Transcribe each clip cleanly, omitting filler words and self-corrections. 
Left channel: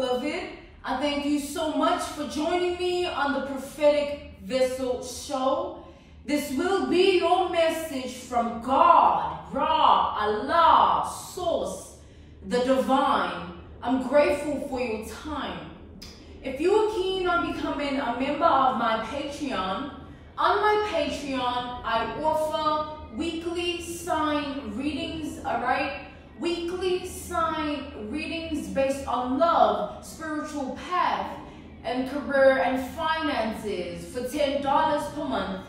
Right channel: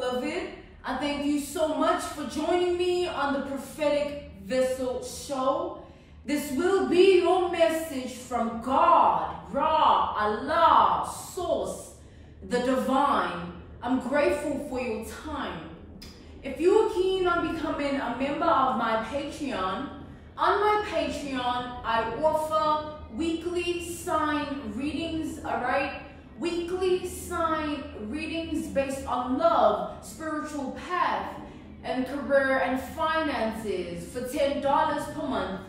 beloved. I thank you so much for joining me on the Prophetic Vessel Show. This will be your message from God, Ra, Allah, Source, the Divine. I'm grateful for your time. If you are keen on becoming a member of my Patreon, on my Patreon, I offer weekly sign readings, alright? Weekly sign readings based on love, spiritual path, and career and finances for $10 per month.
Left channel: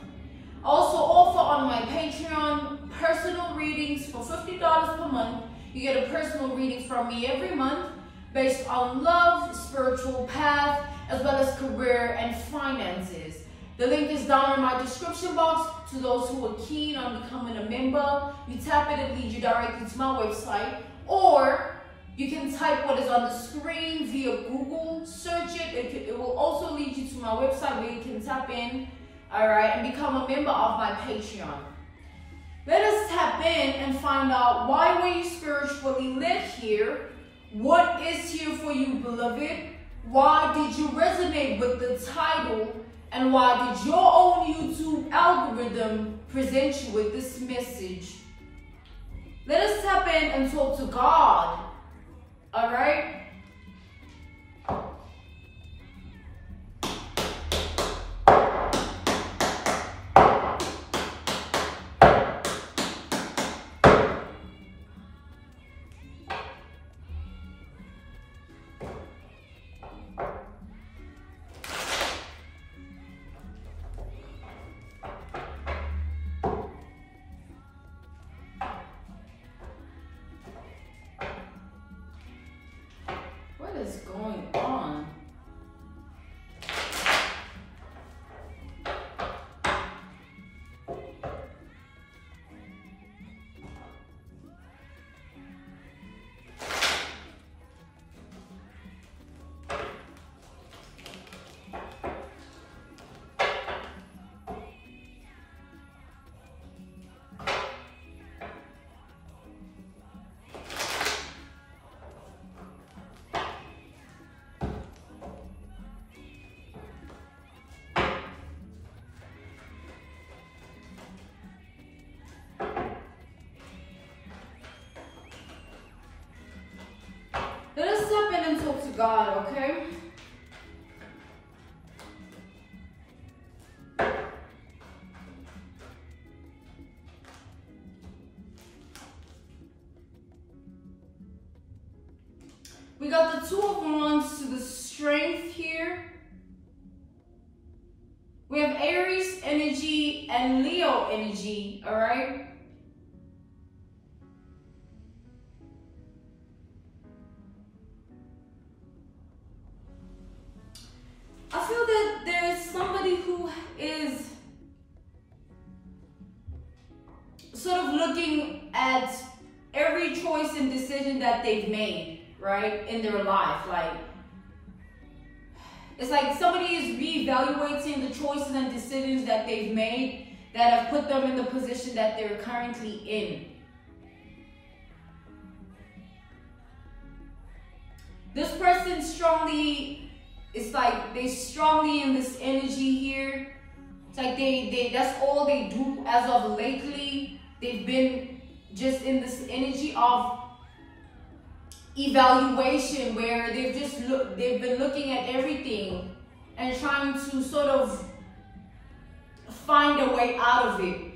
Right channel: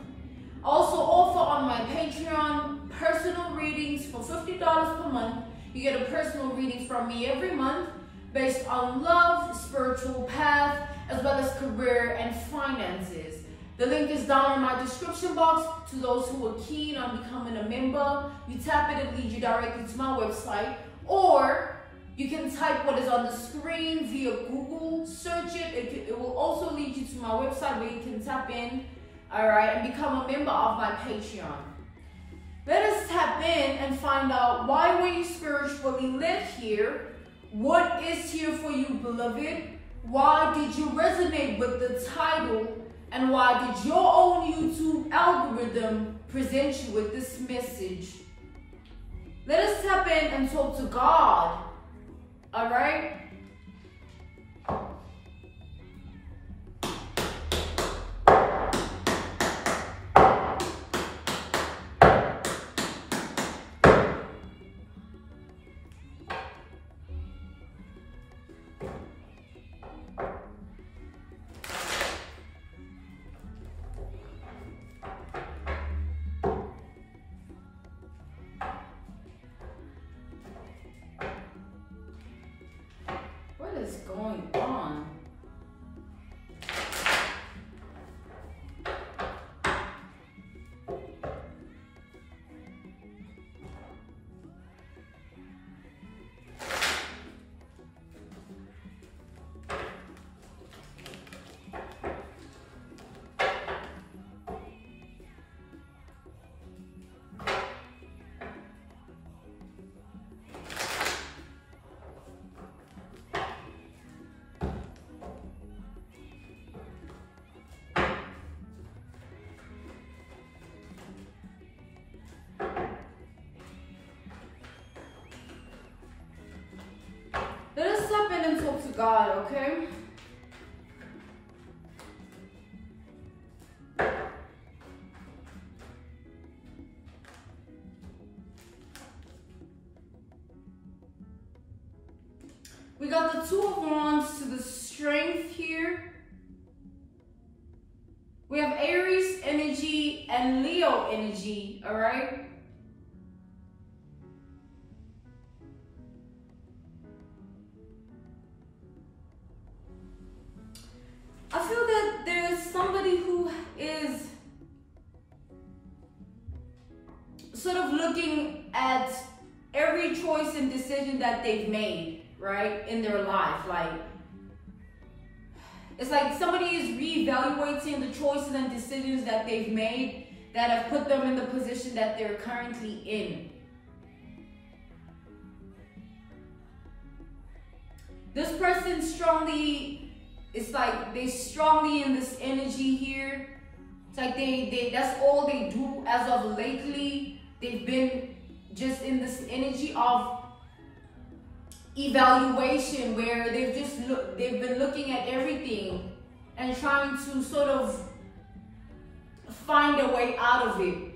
Also offer on my Patreon personal readings for $50 per month. You get a personal reading from me every month based on love, spiritual path, as well as career and finances. The link is down in my description box to those who are keen on becoming a member. You tap it, it leads you directly to my website, or you can type what is on the screen via Google, search it. It will also lead you to my website where you can tap in, all right, and become a member of my Patreon. Let us tap in and find out why were you spiritually led here? What is here for you, beloved? Why did you resonate with the title? And why did your own YouTube algorithm present you with this message? Let us tap in and talk to God, all right? What is going on? Let us step in and talk to God, okay? We got the Two of Wands to the Strength here. We have Aries energy and Leo energy, all right? I feel that there's somebody who is sort of looking at every choice and decision that they've made, right, in their life. Like, it's like somebody is reevaluating the choices and decisions that they've made that have put them in the position that they're currently in. This person strongly, it's like they strongly in this energy here. It's like that's all they do as of lately. They've been just in this energy of evaluation where they've been looking at everything and trying to sort of find a way out of it.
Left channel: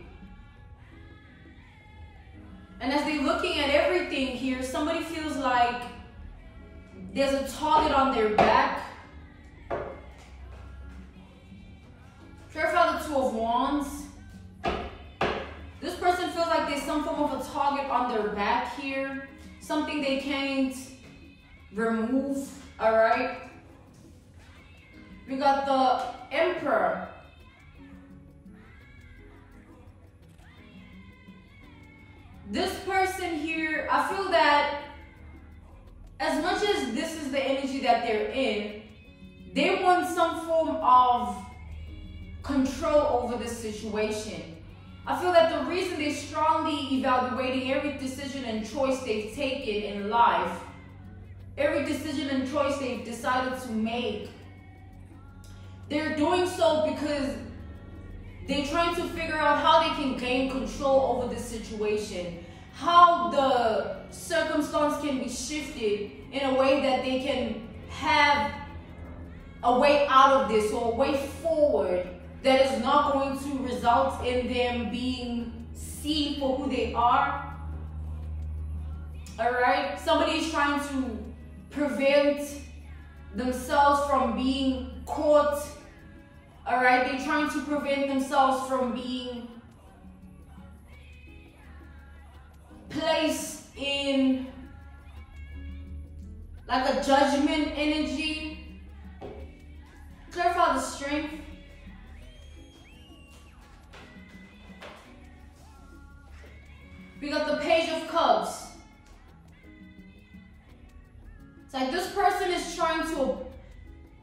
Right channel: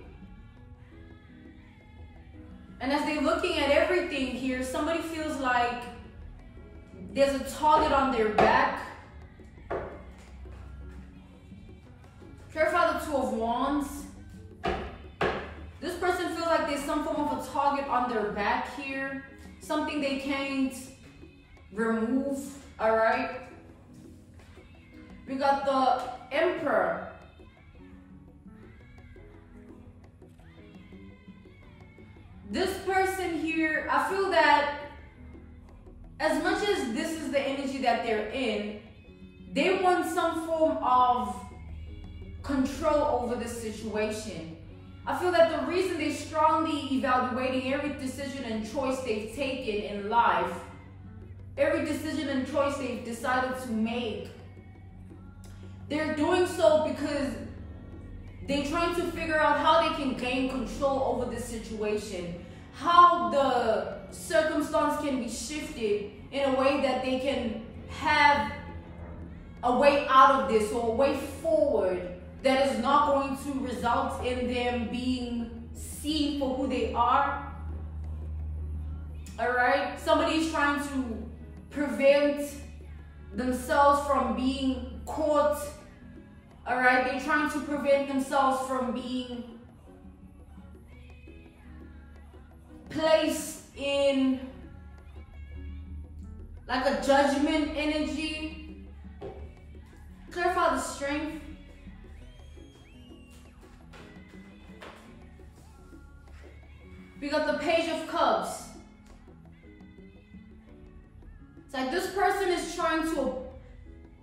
And as they're looking at everything here, somebody feels like there's a target on their back. Clarify the Two of Wands. This person feels like there's some form of a target on their back here. Something they can't remove, all right? We got the Emperor. This person here, I feel that as much as this is the energy that they're in, they want some form of control over this situation. I feel that the reason they're strongly evaluating every decision and choice they've taken in life every decision and choice they've decided to make, they're doing so because they're trying to figure out how they can gain control over this situation, how the circumstance can be shifted in a way that they can have a way out of this, or a way forward that is not going to result in them being seen for who they are. All right? Somebody is trying to prevent themselves from being caught. All right? They're trying to prevent themselves from being placed in like a judgment energy. Clarify the strength. We got the Page of Cups. It's like this person is trying to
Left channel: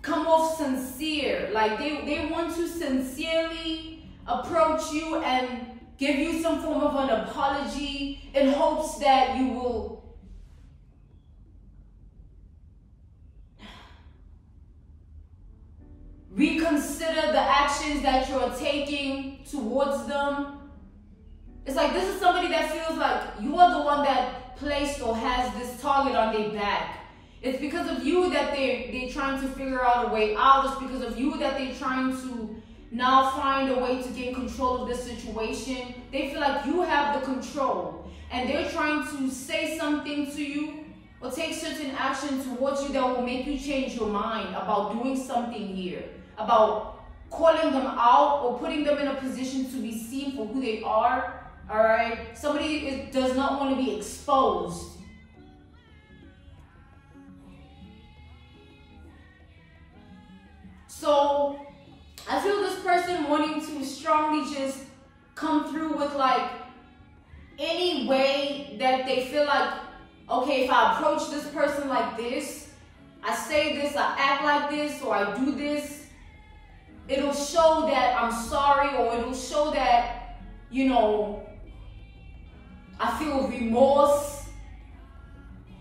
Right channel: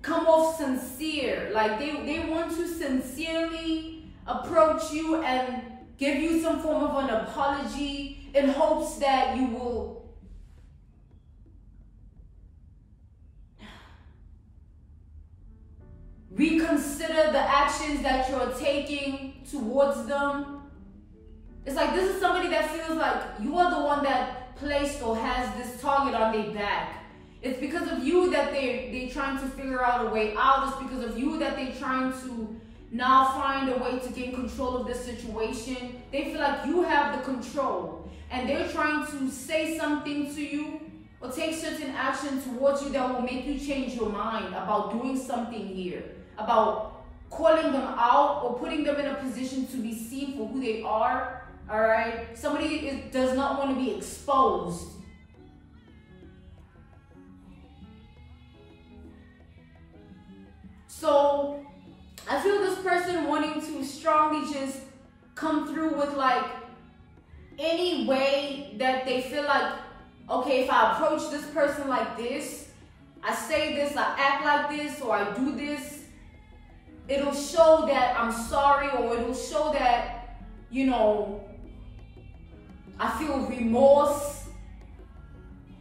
come off sincere. Like they want to sincerely approach you and give you some form of an apology in hopes that you will reconsider the actions that you're taking towards them. It's like this is somebody that feels like you are the one that placed or has this target on their back. It's because of you that they're trying to figure out a way out. It's because of you that they're trying to now find a way to gain control of this situation. They feel like you have the control, and they're trying to say something to you or take certain action towards you that will make you change your mind about doing something here, about calling them out or putting them in a position to be seen for who they are. All right? Somebody does not want to be exposed. So I feel this person wanting to strongly just come through with like any way that they feel like, okay, if I approach this person like this, I say this, I act like this, or I do this, it'll show that I'm sorry, or it'll show that, you know, I feel remorse.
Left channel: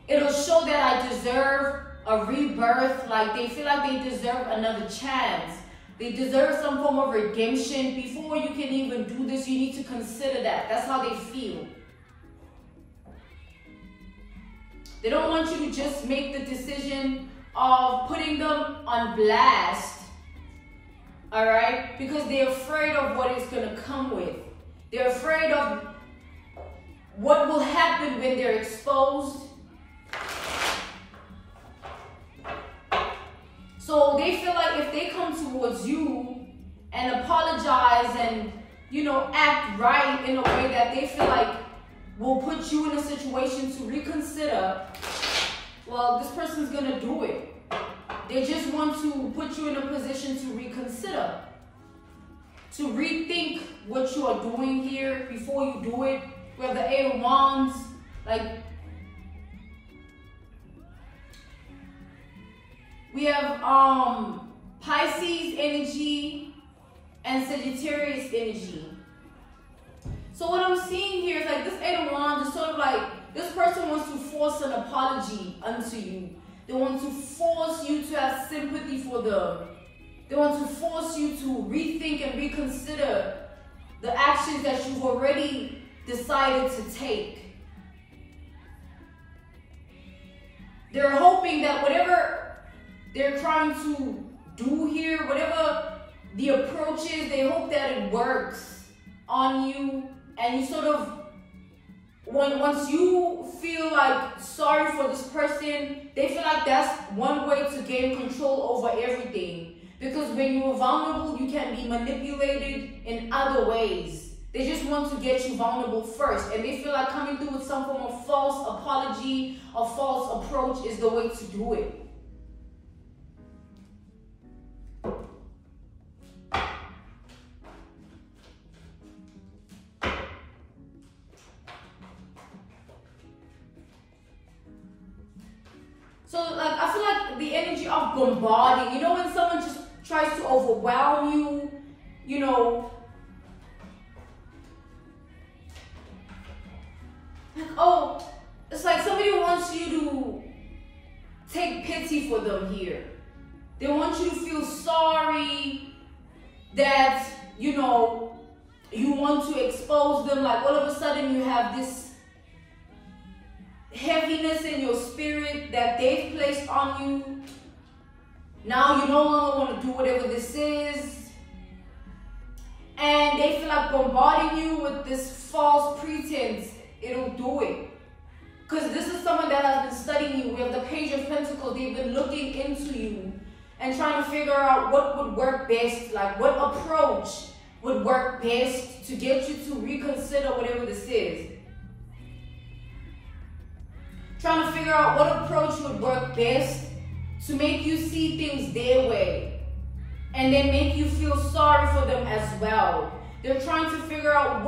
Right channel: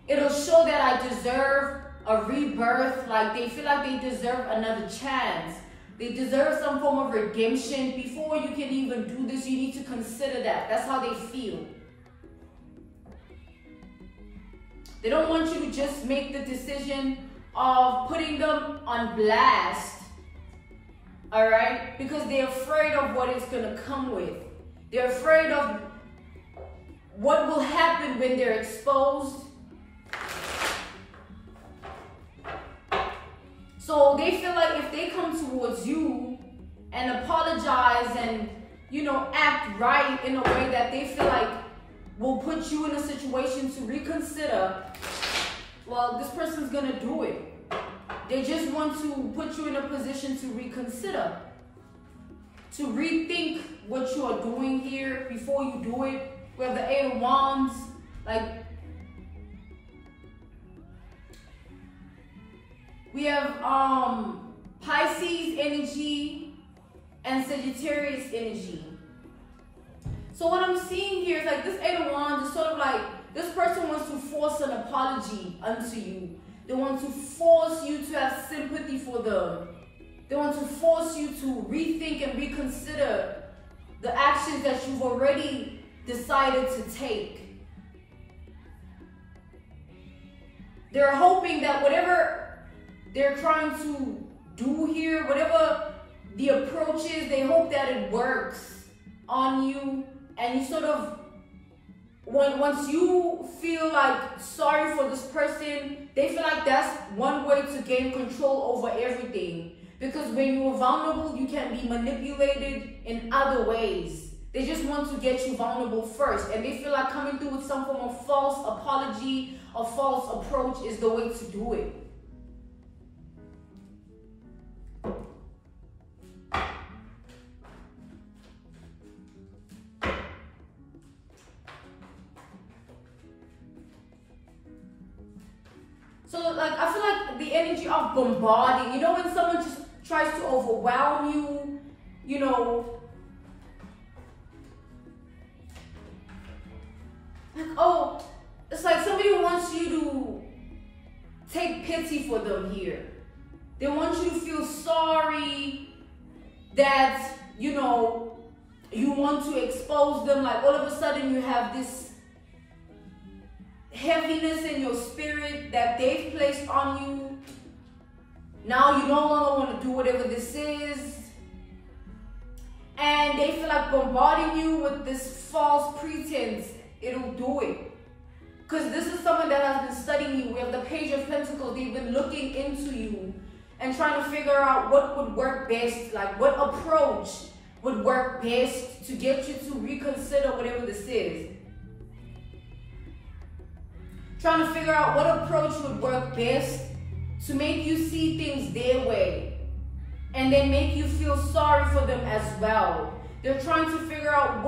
It'll show that I deserve a rebirth. Like they feel like they deserve another chance. They deserve some form of redemption. Before you can even do this, you need to consider that. That's how they feel. They don't want you to just make the decision of putting them on blast. All right? Because they're afraid of what it's going to come with. They're afraid of what will happen when they're exposed. So they feel like if they come towards you and apologize and, you know, act right in a way that they feel like will put you in a situation to reconsider, well, this person's going to do it. They just want to put you in a position to reconsider, to rethink what you are doing here before you do it. We have the Eight of Wands, like we have Pisces energy and Sagittarius energy. So what I'm seeing here is like this Eight of Wands is sort of like this person wants to force an apology unto you. They want to force you to have sympathy for them. They want to force you to rethink and reconsider the actions that you've already decided to take. They're hoping that whatever they're trying to do here, whatever the approach is, they hope that it works on you, and you sort of, once you feel like sorry for this person, they feel like that's one way to gain control over everything. Because when you're vulnerable, you can be manipulated in other ways. They just want to get you vulnerable first, and they feel like coming through with some form of false apology or false approach is the way to do it. So like I feel like the energy of bombarding, you know, when someone just tries to overwhelm you, you know, like, oh, it's like somebody wants you take pity for them here. They want you to feel sorry that, you know, you want to expose them. Like all of a sudden you have this heaviness in your spirit that they've placed on you. Now you no longer want to do whatever this is. And they feel like bombarding you with this false pretense. It'll do it. Because this is someone that has been studying you. We have the Page of Pentacles. They've been looking into you and trying to figure out what would work best. Like what approach would work best to get you to reconsider whatever this is. Trying to figure out what approach would work best to make you see things their way. And then make you feel sorry for them as well. They're trying to figure out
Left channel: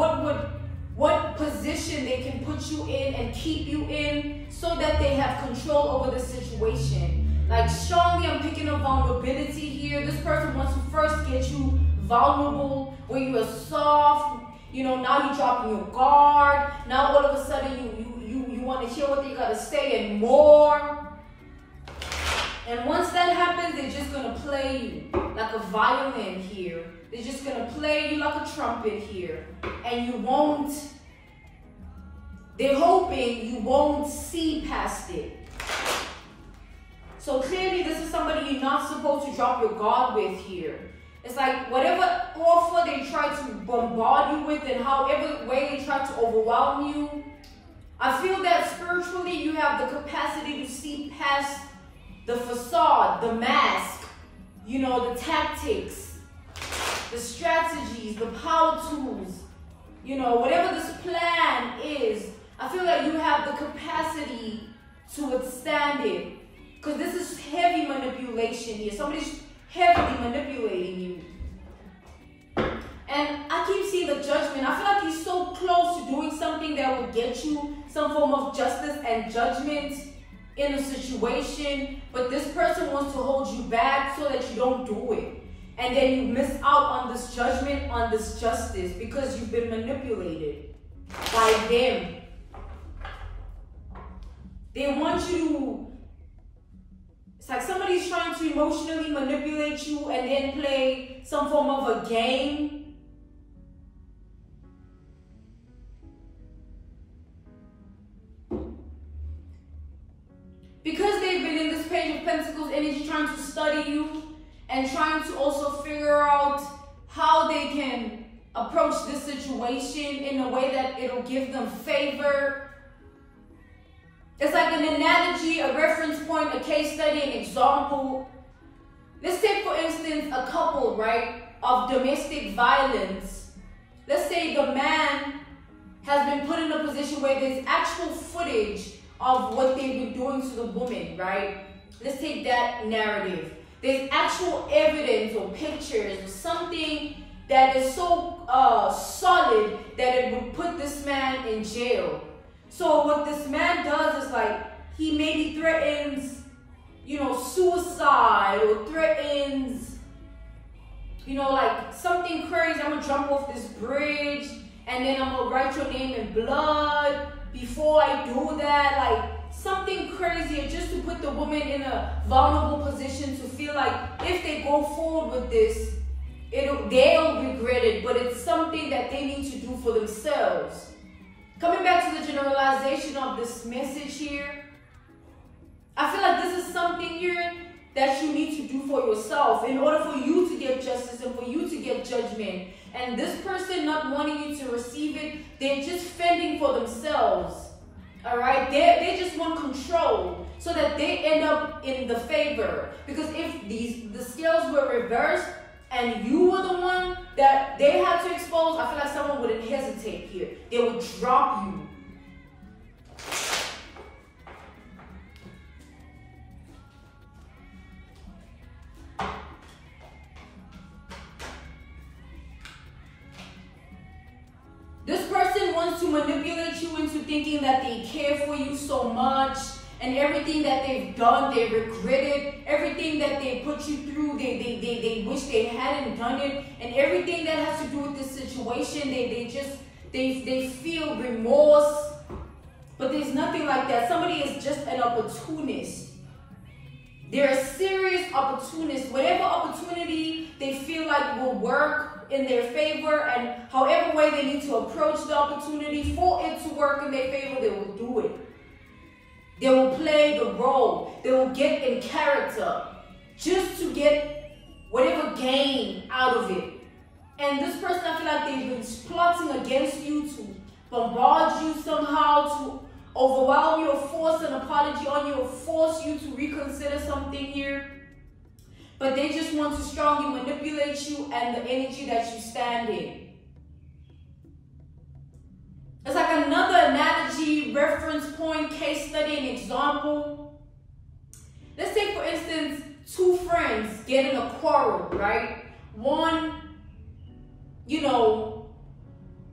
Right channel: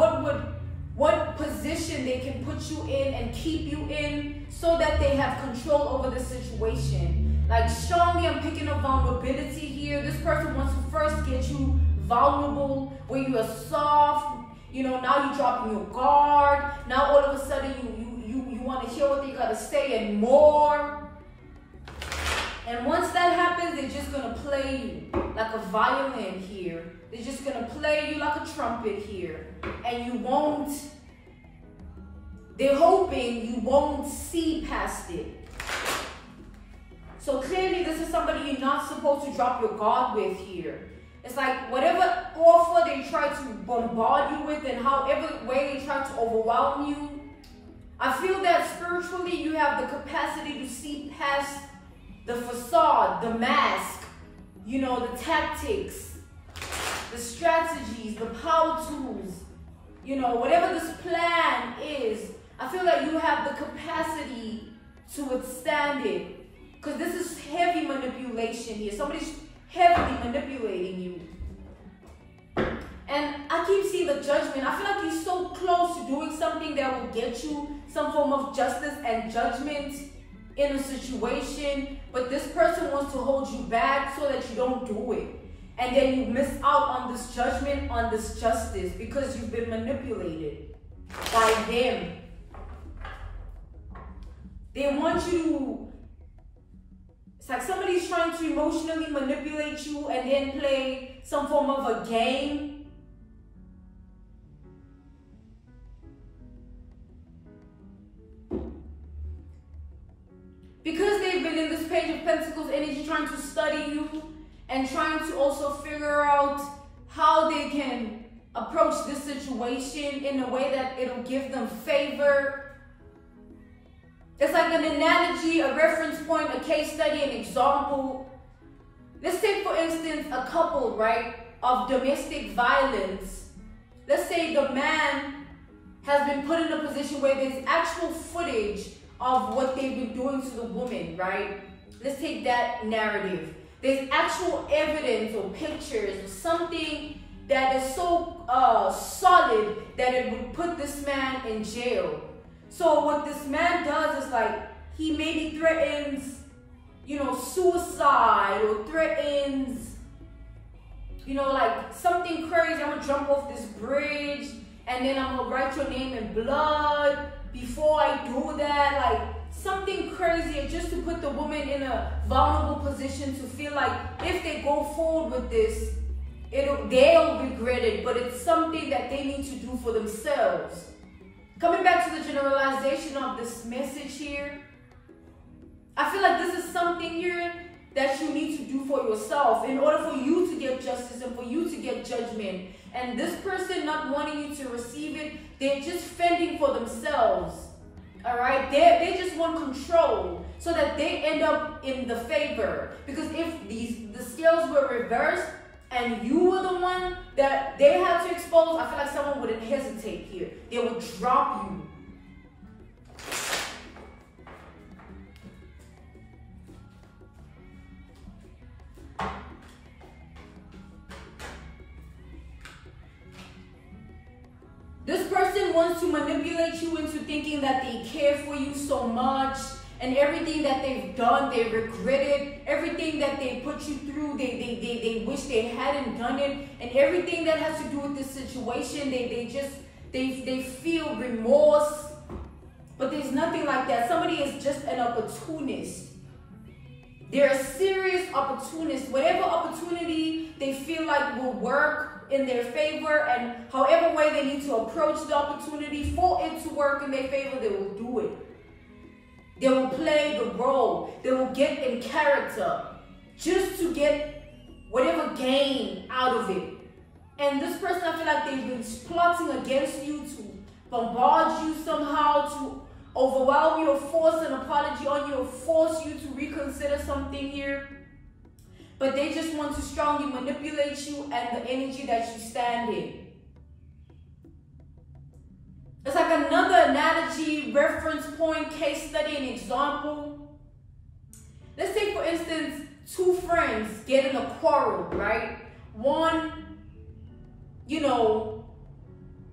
what position they can put you in and keep you in so that they have control over the situation. Like showing me, I'm picking up vulnerability here. This person wants to first get you vulnerable, where you are soft. You know, now you're dropping your guard. Now all of a sudden you want to hear what they got to say and more. And once that happens, they're just going to play you like a violin here. They're just going to play you like a trumpet here. And you won't, they're hoping you won't see past it. So clearly this is somebody you're not supposed to drop your guard with here. It's like whatever offer they try to bombard you with and however way they try to overwhelm you, I feel that spiritually you have the capacity to see past the facade, the mask, you know, the tactics, the strategies, the power tools, you know, whatever this plan is, I feel like you have the capacity to withstand it. Because this is heavy manipulation here. Somebody's heavily manipulating you. And I keep seeing the Judgment. I feel like he's so close to doing something that will get you some form of justice and judgment in a situation, but this person wants to hold you back so that you don't do it. And then you miss out on this judgment, on this justice, because you've been manipulated by them. They want you to, it's like somebody's trying to emotionally manipulate you and then play some form of a game. Because they've been in this Page of Pentacles energy trying to study you and trying to also figure out how they can approach this situation in a way that it'll give them favor. It's like an analogy, a reference point, a case study, an example. Let's take, for instance, a couple, right, of domestic violence. Let's say the man has been put in a position where there's actual footage of what they've been doing to the woman, right? Let's take that narrative. There's actual evidence or pictures or something that is so solid that it would put this man in jail. So what this man does is like, he maybe threatens, you know, suicide, or threatens, you know, like something crazy. I'm gonna jump off this bridge and then I'm gonna write your name in blood. Before I do that, like something crazy just to put the woman in a vulnerable position to feel like if they go forward with this, they'll regret it, but it's something that they need to do for themselves. Coming back to the generalization of this message here, I feel like this is something here that you need to do for yourself in order for you to get justice and for you to get judgment. And this person not wanting you to receive it, they're just fending for themselves. All right, they just want control so that they end up in the favor. Because if the scales were reversed and you were the one that they had to expose, I feel like someone wouldn't hesitate here. They would drop you. This person wants to manipulate you into thinking that they care for you so much, and everything that they've done, they regret it. Everything that they put you through, they wish they hadn't done it. And everything that has to do with this situation, they feel remorse. But there's nothing like that. Somebody is just an opportunist. They're serious opportunists. Whatever opportunity they feel like will work in their favor, and however way they need to approach the opportunity for it to work in their favor, they will do it. They will play the role. They will get in character just to get whatever gain out of it. And this person, I feel like they've been plotting against you to bombard you somehow, to overwhelm you or force an apology on you or force you to reconsider something here. But they just want to strongly manipulate you and the energy that you stand in. It's like another analogy, reference point, case study, and example. Let's take, for instance, two friends get in a quarrel, right? One,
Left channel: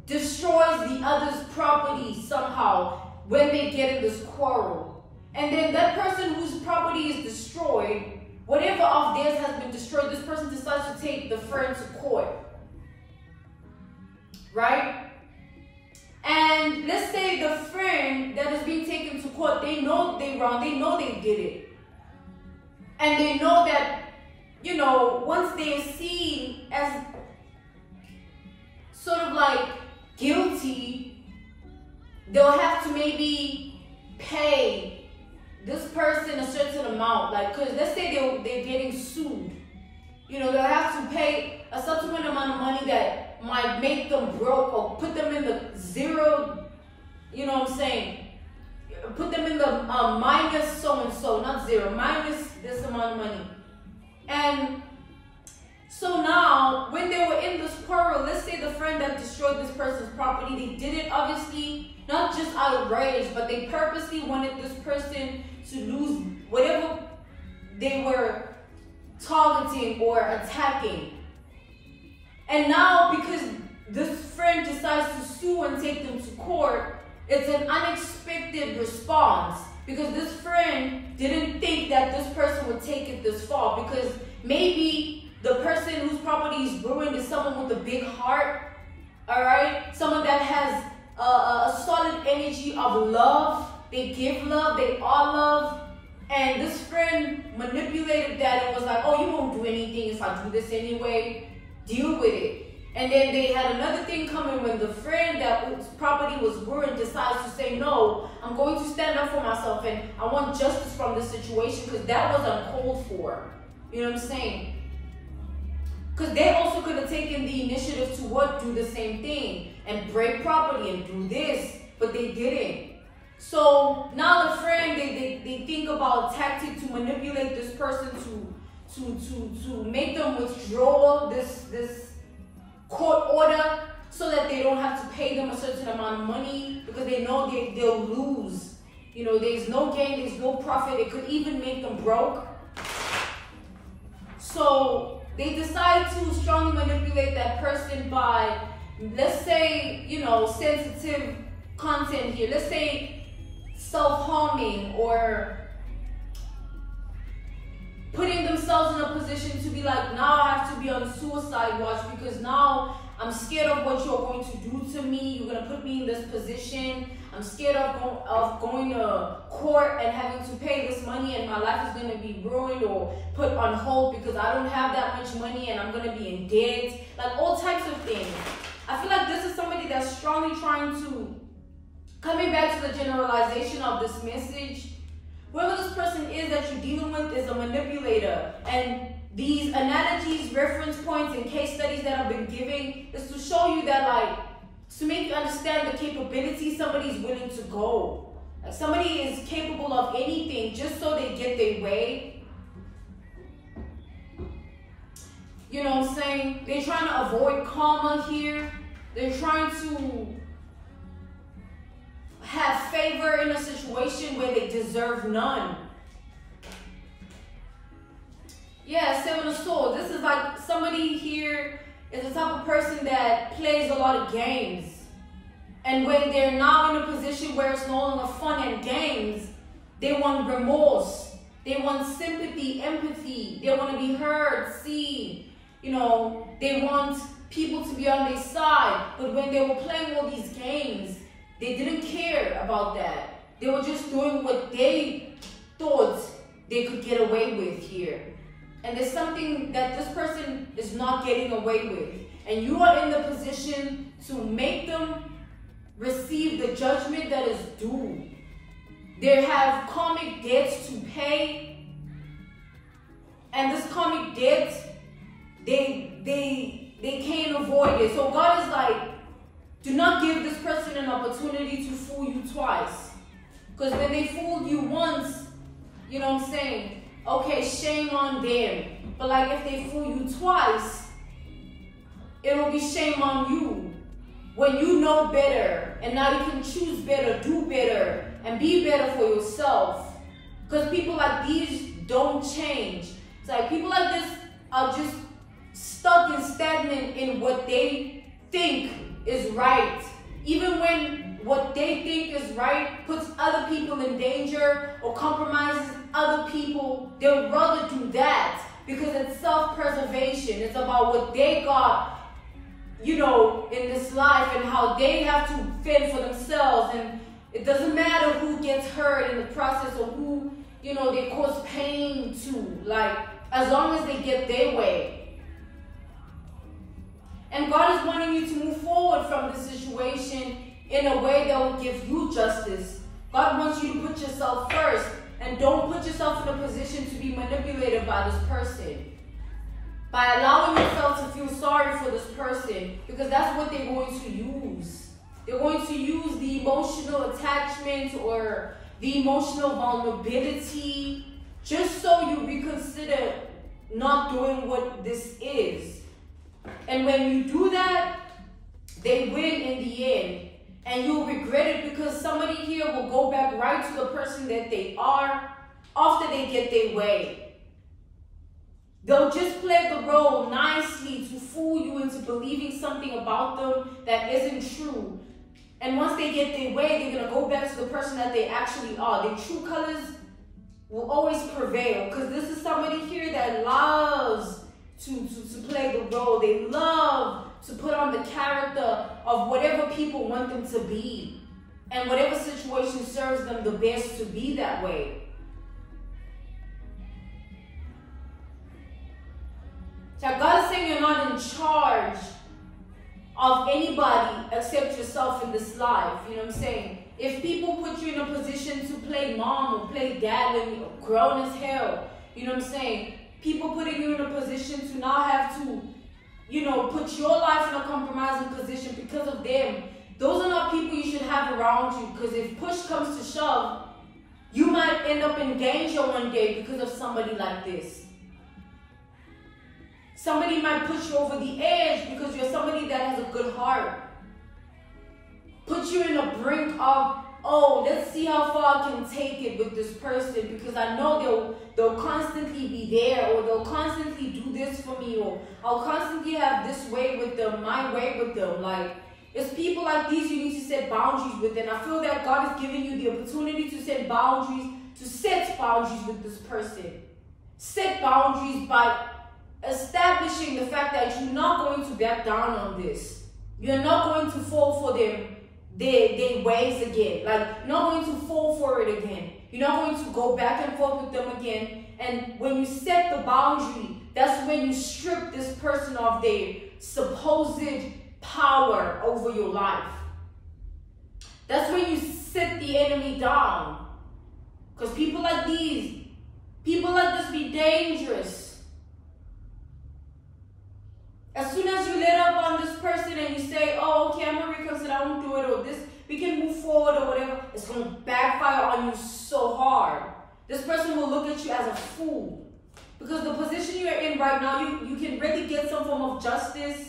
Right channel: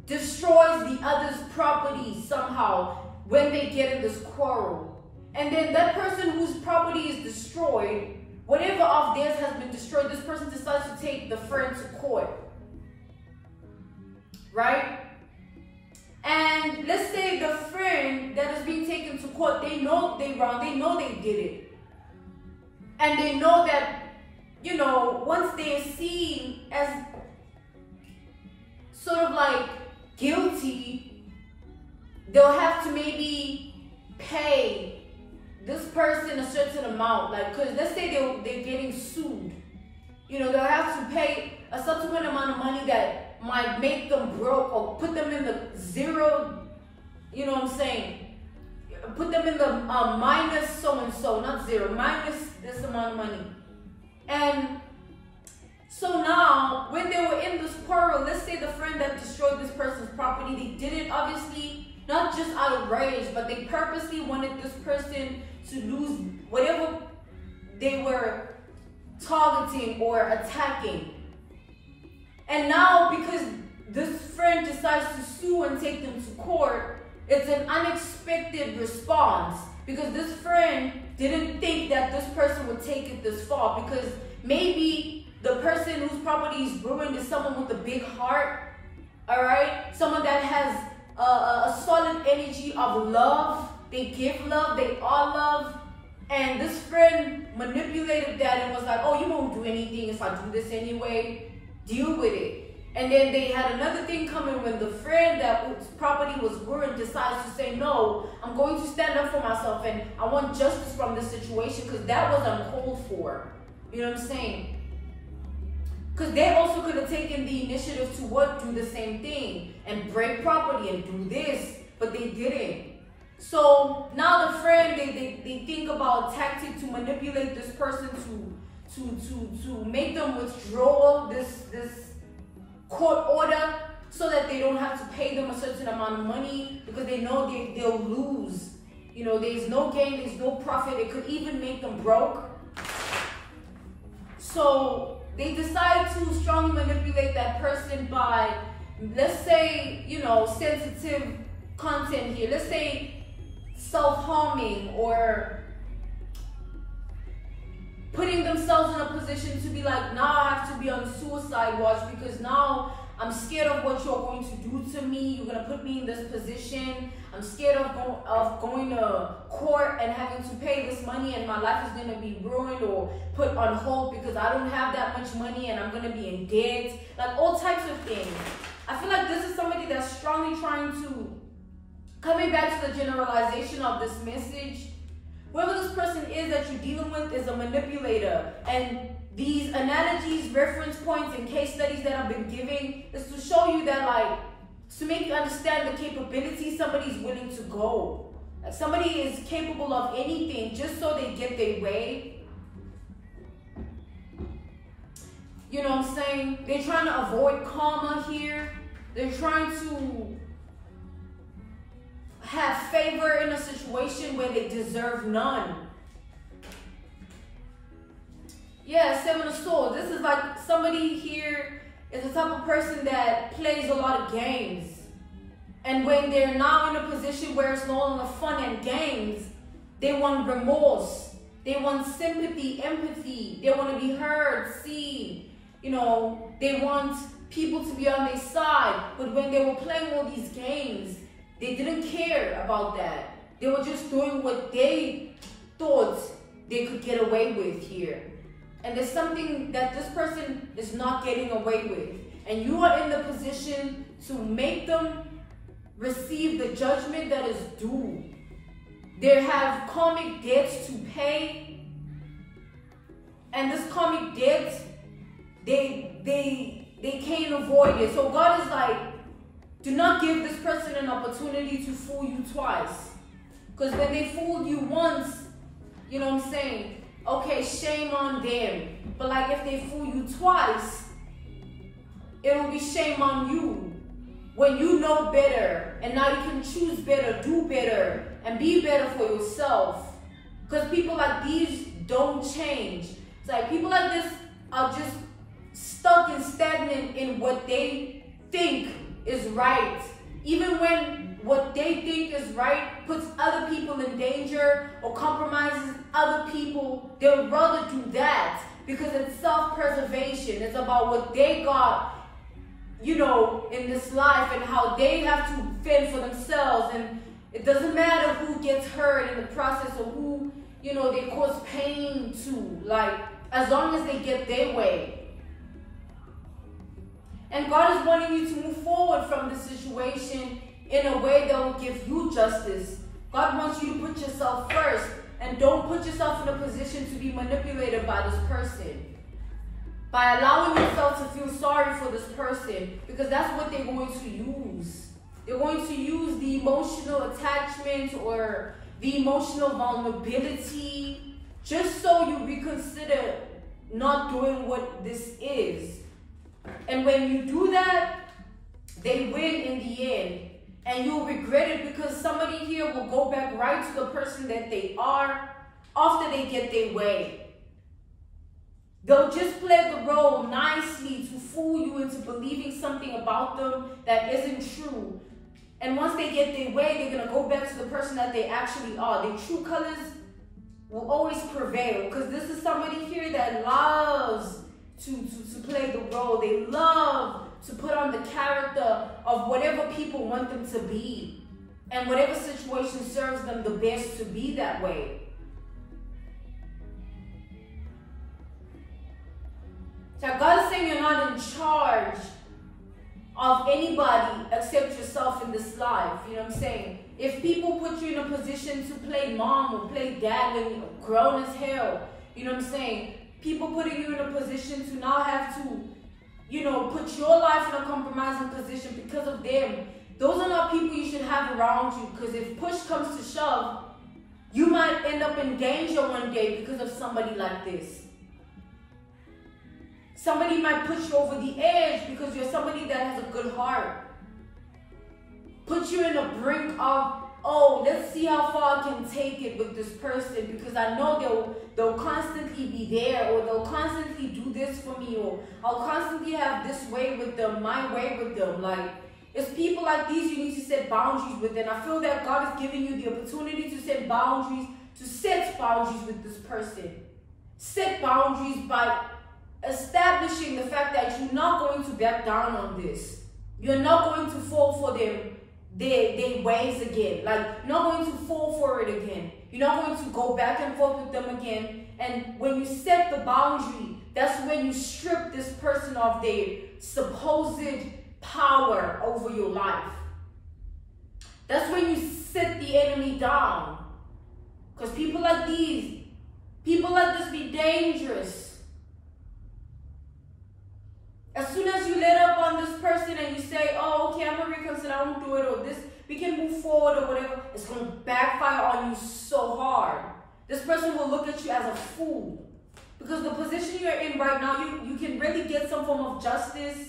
destroys the other's property somehow when they get in this quarrel. And then that person whose property is destroyed, whatever of theirs has been destroyed, this person decides to take the friend to court. Right? And let's say the friend that is being taken to court, they know they're wrong, they know they did it. And they know that, once they're seen as sort of like guilty, they'll have to maybe pay this person a certain amount. Like, because let's say they're getting sued. They'll have to pay a subsequent amount of money that might make them broke or put them in the zero, put them in the minus so-and-so, not zero, minus this amount of money. And so now, when they were in this quarrel, let's say the friend that destroyed this person's property, they did it obviously not just out of rage, but they purposely wanted this person to lose whatever they were targeting or attacking. And now, because this friend decides to sue and take them to court, it's an unexpected response, because this friend didn't think that this person would take it this far, because maybe the person whose property is ruined is someone with a big heart, all right? Someone that has a solid energy of love. They give love, they are love. And this friend manipulated that and was like, oh, you won't do anything if I do this anyway. Deal with it. And then they had another thing coming when the friend whose property was ruined decides to say, no, I'm going to stand up for myself and I want justice from this situation, because that was uncalled for. You know what I'm saying? Because they also could have taken the initiative to do the same thing and break property and do this, but they didn't. So now the friend, they think about tactic to manipulate this person to make them withdraw this court order, so that they don't have to pay them a certain amount of money, because they know they'll lose. There's no gain, there's no profit. It could even make them broke. So they decide to strongly manipulate that person by, let's say, sensitive content here. Let's say self-harming, or putting themselves in a position to be like, now I have to be on suicide watch because now I'm scared of what you're going to do to me. You're going to put me in this position. I'm scared of going to court and having to pay this money, and my life is going to be ruined or put on hold because I don't have that much money and I'm going to be in debt. Like all types of things. I feel like this is somebody that's strongly trying to, coming back to the generalization of this message, whoever this person is that you're dealing with is a manipulator. And these analogies, reference points, and case studies that I've been giving is to show you that, like, to make you understand the capability somebody's willing to go. Like, somebody is capable of anything just so they get their way. You know what I'm saying? They're trying to avoid karma here. They're trying to have favor in a situation where they deserve none. Yeah, Seven of Swords. This is like somebody here is the type of person that plays a lot of games. And when they're now in a position where it's no longer fun and games, they want remorse. They want sympathy, empathy. They want to be heard, seen. They want people to be on their side. But when they were playing all these games, they didn't care about that. They were just doing what they thought they could get away with here. And there's something that this person is not getting away with. And you are in the position to make them receive the judgment that is due. They have karmic debts to pay. And this karmic debt, they can't avoid it. So God is like, do not give this person an opportunity to fool you twice. Because when they fooled you once, you know what I'm saying? Okay, shame on them. But like if they fool you twice, it'll be shame on you. When you know better, and now you can choose better, do better, and be better for yourself. Because people like these don't change. It's like people like this are just stuck and stagnant in what they think is right. Even when what they think is right puts other people in danger or compromises other people, they'll rather do that because it's self-preservation. It's about what they got, you know, in this life and how they have to fend for themselves. And it doesn't matter who gets hurt in the process or who, you know, they cause pain to. Like, as long as they get their way. And God is wanting you to move forward from the situation in a way that will give you justice. God wants you to put yourself first and don't put yourself in a position to be manipulated by this person. By allowing yourself to feel sorry for this person, because that's what they're going to use. They're going to use the emotional attachment or the emotional vulnerability just so you reconsider not doing what this is. And when you do that, they win in the end. And you'll regret it because somebody here will go back right to the person that they are after they get their way. They'll just play the role nicely to fool you into believing something about them that isn't true. And once they get their way, they're going to go back to the person that they actually are. Their true colors will always prevail because this is somebody here that loves to play the role. They love to put on the character of whatever people want them to be. And whatever situation serves them the best to be that way. So God is saying you're not in charge of anybody except yourself in this life. You know what I'm saying? If people put you in a position to play mom or play dad when you're grown as hell, you know what I'm saying? People putting you in a position to now have to, you know, put your life in a compromising position because of them. Those are not people you should have around you, because if push comes to shove, you might end up in danger one day because of somebody like this. Somebody might push you over the edge because you're somebody that has a good heart. Put you in a brink of, oh, let's see how far I can take it with this person because I know they'll constantly be there, or they'll constantly do this for me, or I'll constantly have this way with them, my way with them. Like, it's people like these you need to set boundaries with. And I feel that God is giving you the opportunity to set boundaries with this person. Set boundaries by establishing the fact that you're not going to back down on this. You're not going to fall for their ways again. Like, you're not going to fall for it again. You're not going to go back and forth with them again. And when you set the boundary, that's when you strip this person of their supposed power over your life. That's when you sit the enemy down. Because people like this be dangerous. As soon as you let up on this person and you say, oh, okay, I'm going to reconsider, I won't do it, or this, we can move forward or whatever, it's going to backfire on you so hard. This person will look at you as a fool. Because the position you're in right now, you can really get some form of justice.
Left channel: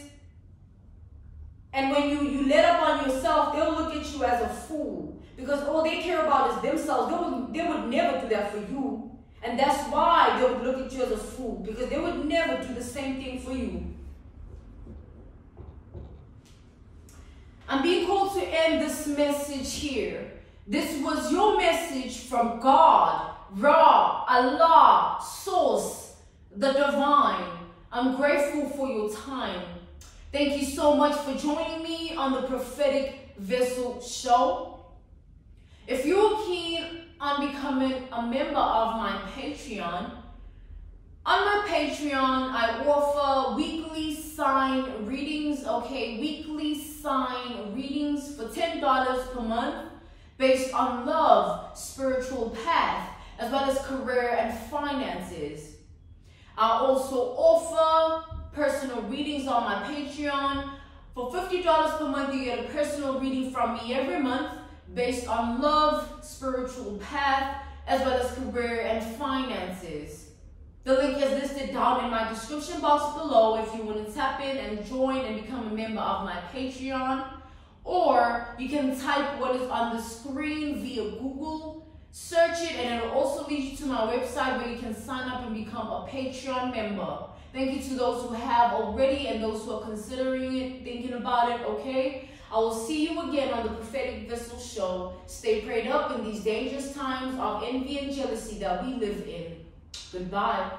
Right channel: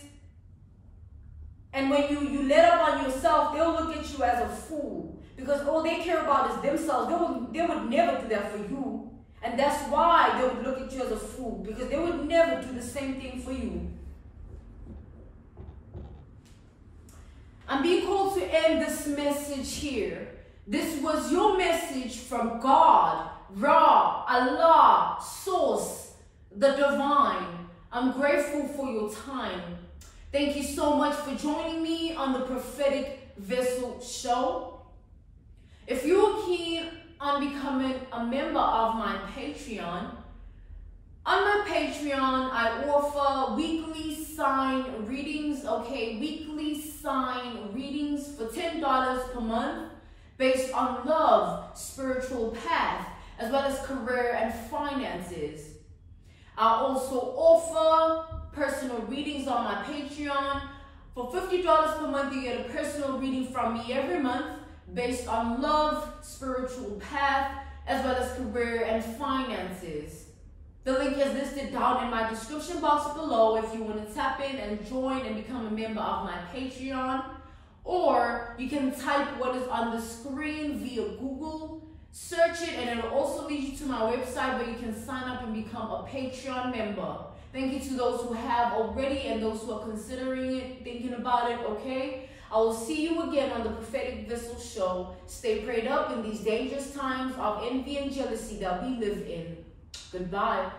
And when you let up on yourself, they'll look at you as a fool. Because all they care about is themselves. They would never do that for you. And that's why they would look at you as a fool. Because they would never do the same thing for you. I'm being called to end this message here. This was your message from God, Ra, Allah, Source, the Divine. I'm grateful for your time. Thank you so much for joining me on the Prophetic Vessel Show. If you're keen on becoming a member of my Patreon. On my Patreon, I offer weekly sign readings, weekly sign readings for $10 per month based on love, spiritual path, as well as career and finances. I also offer personal readings on my Patreon. For $50 per month, you get a personal reading from me every month based on love, spiritual path, as well as career and finances. The link is listed down in my description box below if you want to tap in and join and become a member of my Patreon. Or you can type what is on the screen via Google, search it, and it will also lead you to my website where you can sign up and become a Patreon member. Thank you to those who have already and those who are considering it, thinking about it, okay? I will see you again on the Prophetic Vessel Show. Stay prayed up in these dangerous times of envy and jealousy that we live in. Goodbye.